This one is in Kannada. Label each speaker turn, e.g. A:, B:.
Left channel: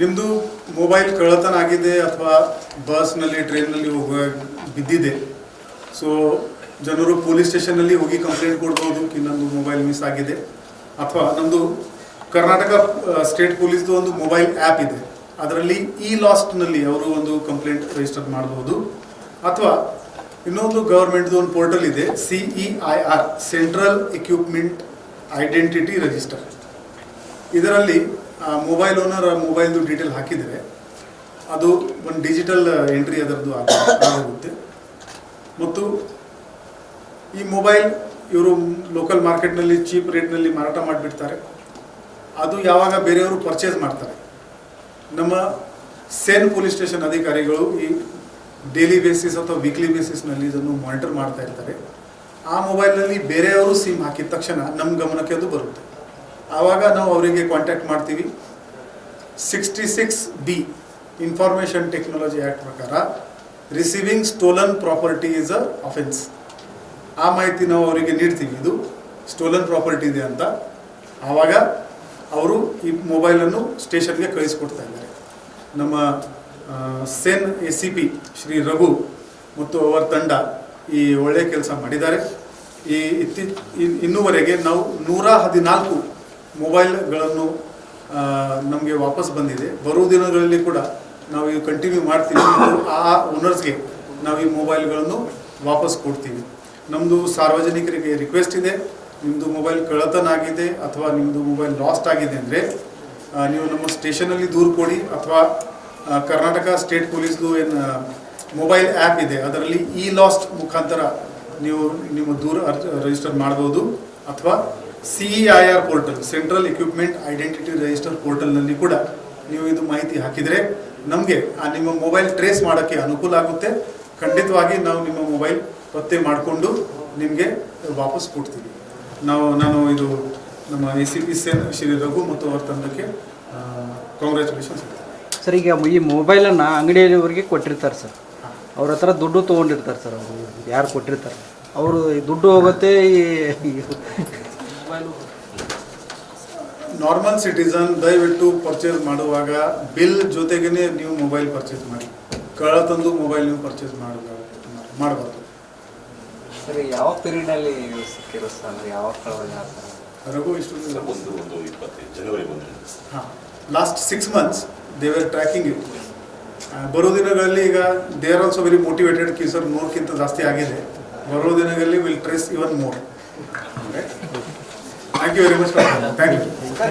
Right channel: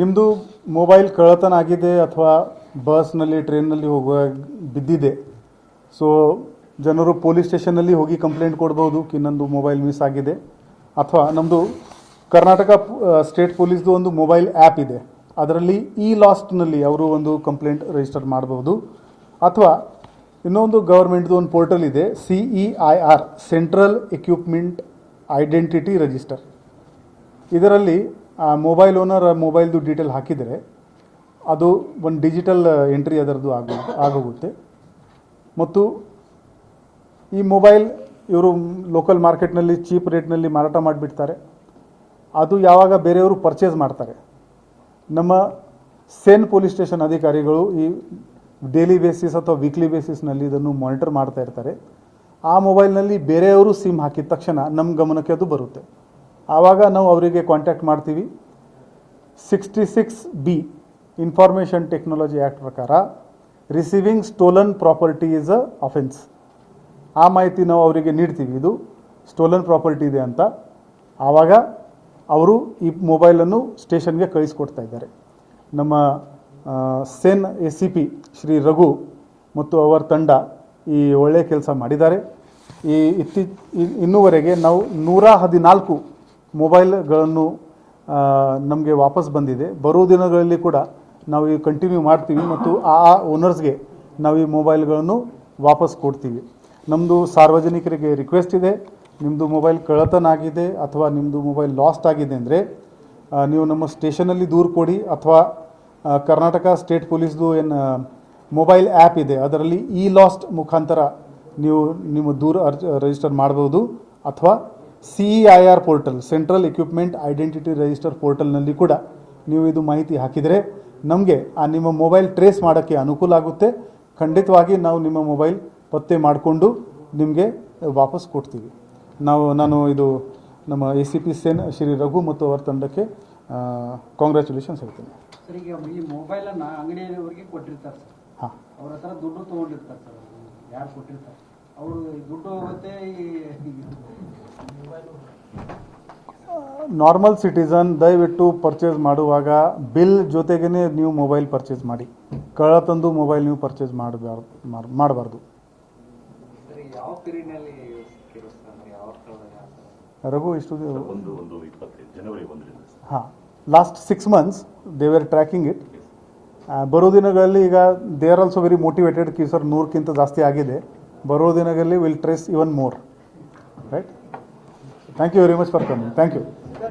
A: ನಿಮ್ಮದು ಮೊಬೈಲ್ ಕಳ್ಳತನ ಆಗಿದೆ ಅಥವಾ ಬಸ್ನಲ್ಲಿ ಟ್ರೈನ್ನಲ್ಲಿ ಹೋಗುವಾಗ ಬಿದ್ದಿದೆ. ಸೊ ಜನರು ಪೊಲೀಸ್ ಸ್ಟೇಷನ್ನಲ್ಲಿ ಹೋಗಿ ಕಂಪ್ಲೇಂಟ್ ಕೊಡ್ಬೋದು ಕಿ ನಂದು ಮೊಬೈಲ್ ಮಿಸ್ ಆಗಿದೆ. ಅಥವಾ ನಮ್ಮದು ಕರ್ನಾಟಕ ಸ್ಟೇಟ್ ಪೊಲೀಸ್ದು ಒಂದು ಮೊಬೈಲ್ ಆ್ಯಪ್ ಇದೆ. ಅದರಲ್ಲಿ ಇ ಲಾಸ್ಟ್ನಲ್ಲಿ ಅವರು ಒಂದು ಕಂಪ್ಲೇಂಟ್ ರಿಜಿಸ್ಟರ್ ಮಾಡಬಹುದು ಅಥವಾ ಇನ್ನೊಂದು ಗೌರ್ಮೆಂಟ್ದು ಒಂದು ಪೋರ್ಟಲ್ ಇದೆ C E I R central equipment identity register ಇದರಲ್ಲಿ, ಆ ಮೊಬೈಲ್ ಓನರ್ ಮೊಬೈಲ್ದು ಡೀಟೇಲ್ ಹಾಕಿದರೆ ಅದು ಒಂದು ಡಿಜಿಟಲ್ ಎಂಟ್ರಿ ಅದರದ್ದು ಆಗ, ಆಗೋಗುತ್ತೆ. ಮತ್ತು ಈ ಮೊಬೈಲ್ ಇವರು ಲೋಕಲ್ ಮಾರ್ಕೆಟ್ನಲ್ಲಿ ಚೀಪ್ ರೇಟ್ನಲ್ಲಿ ಮಾರಾಟ ಮಾಡಿಬಿಡ್ತಾರೆ. ಅದು ಯಾವಾಗ ಬೇರೆಯವರು ಪರ್ಚೇಸ್ ಮಾಡ್ತಾರೆ. ನಮ್ಮ ಸೇನ್ ಪೊಲೀಸ್ ಸ್ಟೇಷನ್ ಅಧಿಕಾರಿಗಳು ಈ ಡೈಲಿ ಬೇಸಿಸ್ ಅಥವಾ ವೀಕ್ಲಿ ಬೇಸಿಸ್ನಲ್ಲಿ ಇದನ್ನು ಮಾನಿಟರ್ ಮಾಡ್ತಾ ಇರ್ತಾರೆ. ಆ ಮೊಬೈಲ್ನಲ್ಲಿ ಬೇರೆಯವರು ಸಿಮ್ ಹಾಕಿದ ತಕ್ಷಣ ನಮ್ಮ ಗಮನಕ್ಕೆ ಅದು ಬರುತ್ತೆ. ಆವಾಗ ನಾವು ಅವರಿಗೆ ಕಾಂಟ್ಯಾಕ್ಟ್ ಮಾಡ್ತೀವಿ. Sixty six B information technology act ಪ್ರಕಾರ receiving stolen property is a offence ಆ ಮಾಹಿತಿ ನಾವು ಅವರಿಗೆ ನೀಡ್ತೀವಿ. ಇದು ಸ್ಟೋಲನ್ ಪ್ರಾಪರ್ಟಿ ಇದೆ ಅಂತ. ಆವಾಗ ಅವರು ಈ ಮೊಬೈಲನ್ನು ಸ್ಟೇಷನ್ಗೆ ಕಳಿಸ್ಕೊಡ್ತಾ ಇದ್ದಾರೆ. ನಮ್ಮ CEN A C P Shri Raghu ಮತ್ತು ಅವರ ತಂಡ ಈ ಒಳ್ಳೆಯ ಕೆಲಸ ಮಾಡಿದ್ದಾರೆ. ಈ ಇತ್ತೀಚ ಇನ್ನೂವರೆಗೆ ನಾವು ನೂರ ಹದಿನಾಲ್ಕು ಮೊಬೈಲ್ಗಳನ್ನು ನಮಗೆ ವಾಪಸ್ ಬಂದಿದೆ. ಬರುವ ದಿನಗಳಲ್ಲಿ ಕೂಡ ನಾವು ಈಗ ಕಂಟಿನ್ಯೂ ಮಾಡ್ತೀವಿ. ಮತ್ತು ಆ ಓನರ್ಸ್ಗೆ ನಾವು ಈ ಮೊಬೈಲ್ಗಳನ್ನು ವಾಪಸ್ ಕೊಡ್ತೀವಿ. ನಮ್ಮದು ಸಾರ್ವಜನಿಕರಿಗೆ ರಿಕ್ವೆಸ್ಟ್ ಇದೆ. ನಿಮ್ಮದು ಮೊಬೈಲ್ ಕಳತನ ಆಗಿದೆ ಅಥವಾ ನಿಮ್ಮದು ಮೊಬೈಲ್ ಲಾಸ್ಟ್ ಆಗಿದೆ ಅಂದರೆ ನೀವು ನಮ್ಮ ಸ್ಟೇಷನಲ್ಲಿ ದೂರು ಕೊಡಿ ಅಥವಾ ಕರ್ನಾಟಕ ಸ್ಟೇಟ್ ಪೊಲೀಸ್ದು ಏನು ಮೊಬೈಲ್ ಆ್ಯಪ್ ಇದೆ. ಅದರಲ್ಲಿ ಇ ಲಾಸ್ಟ್ ಮುಖಾಂತರ ನೀವು ನಿಮ್ಮ ದೂರ ರಿಜಿಸ್ಟರ್ ಮಾಡ್ಬೋದು. ಅಥವಾ C I R portal central equipment identity register ಪೋರ್ಟಲ್ನಲ್ಲಿ ಕೂಡ ನೀವು ಇದು ಮಾಹಿತಿ ಹಾಕಿದರೆ ನಮಗೆ ಆ ನಿಮ್ಮ ಮೊಬೈಲ್ ಟ್ರೇಸ್ ಮಾಡೋಕ್ಕೆ ಅನುಕೂಲ ಆಗುತ್ತೆ. ಖಂಡಿತವಾಗಿ ನಾವು ನಿಮ್ಮ ಮೊಬೈಲ್ ಪತ್ತೆ ಮಾಡಿಕೊಂಡು ನಿಮಗೆ ವಾಪಸ್ ಕೊಡ್ತೀವಿ. ನಾವು ನಾನು ಇದು ನಮ್ಮ A C P CEN Shri Raghu ಮತ್ತು ಅವರ ತಂಡಕ್ಕೆ ಕಾಂಗ್ರ್ಯಾಚುಲೇಷನ್ಸ್ ಹೇಳ್ತೇನೆ.
B: ಸರ್ ಈಗ ಈ ಮೊಬೈಲನ್ನು ಅಂಗಡಿಯವರಿಗೆ ಕೊಟ್ಟಿರ್ತಾರೆ ಸರ್. ಅವ್ರ ಹತ್ರ ದುಡ್ಡು ತೊಗೊಂಡಿರ್ತಾರೆ ಸರ್ ಅವರು. ಯಾರು ಕೊಟ್ಟಿರ್ತಾರೆ? ಅವರು ದುಡ್ಡು ಹೋಗುತ್ತೆ ಈ
A: ನಾರ್ಮಲ್ ಸಿಟಿಸನ್ ದಯವಿಟ್ಟು ಪರ್ಚೇಸ್ ಮಾಡುವಾಗ ಬಿಲ್ ಜೊತೆಗೇ ನೀವು ಮೊಬೈಲ್ ಪರ್ಚೇಸ್ ಮಾಡಿ. ಕಳ್ಳ ತಂದು ಮೊಬೈಲ್ ನೀವು ಪರ್ಚೇಸ್ ಮಾಡಬಾರ್ದು. ಮಾಡಬಾರ್ದು
C: ಯಾವ ಸಿಕ್ಕಿರೋ ಸರ್ ಯಾವ
A: ರಘು ಇಷ್ಟು
D: ಒಂದು ಒಂದು ಇಪ್ಪತ್ತೈದು ಜನವರಿ ಒಂದರಿಂದ
A: ಹಾಂ last six months they were tracking it ಬರೋ ದಿನಗಳಲ್ಲಿ ಈಗ they are also very motivated ಕೀಸರ್ ನೂರಕ್ಕಿಂತ ಜಾಸ್ತಿ ಆಗಿದೆ. ಬರೋ ದಿನಗಳಲ್ಲಿ will trace even more right Thank you very much for coming. Thank you.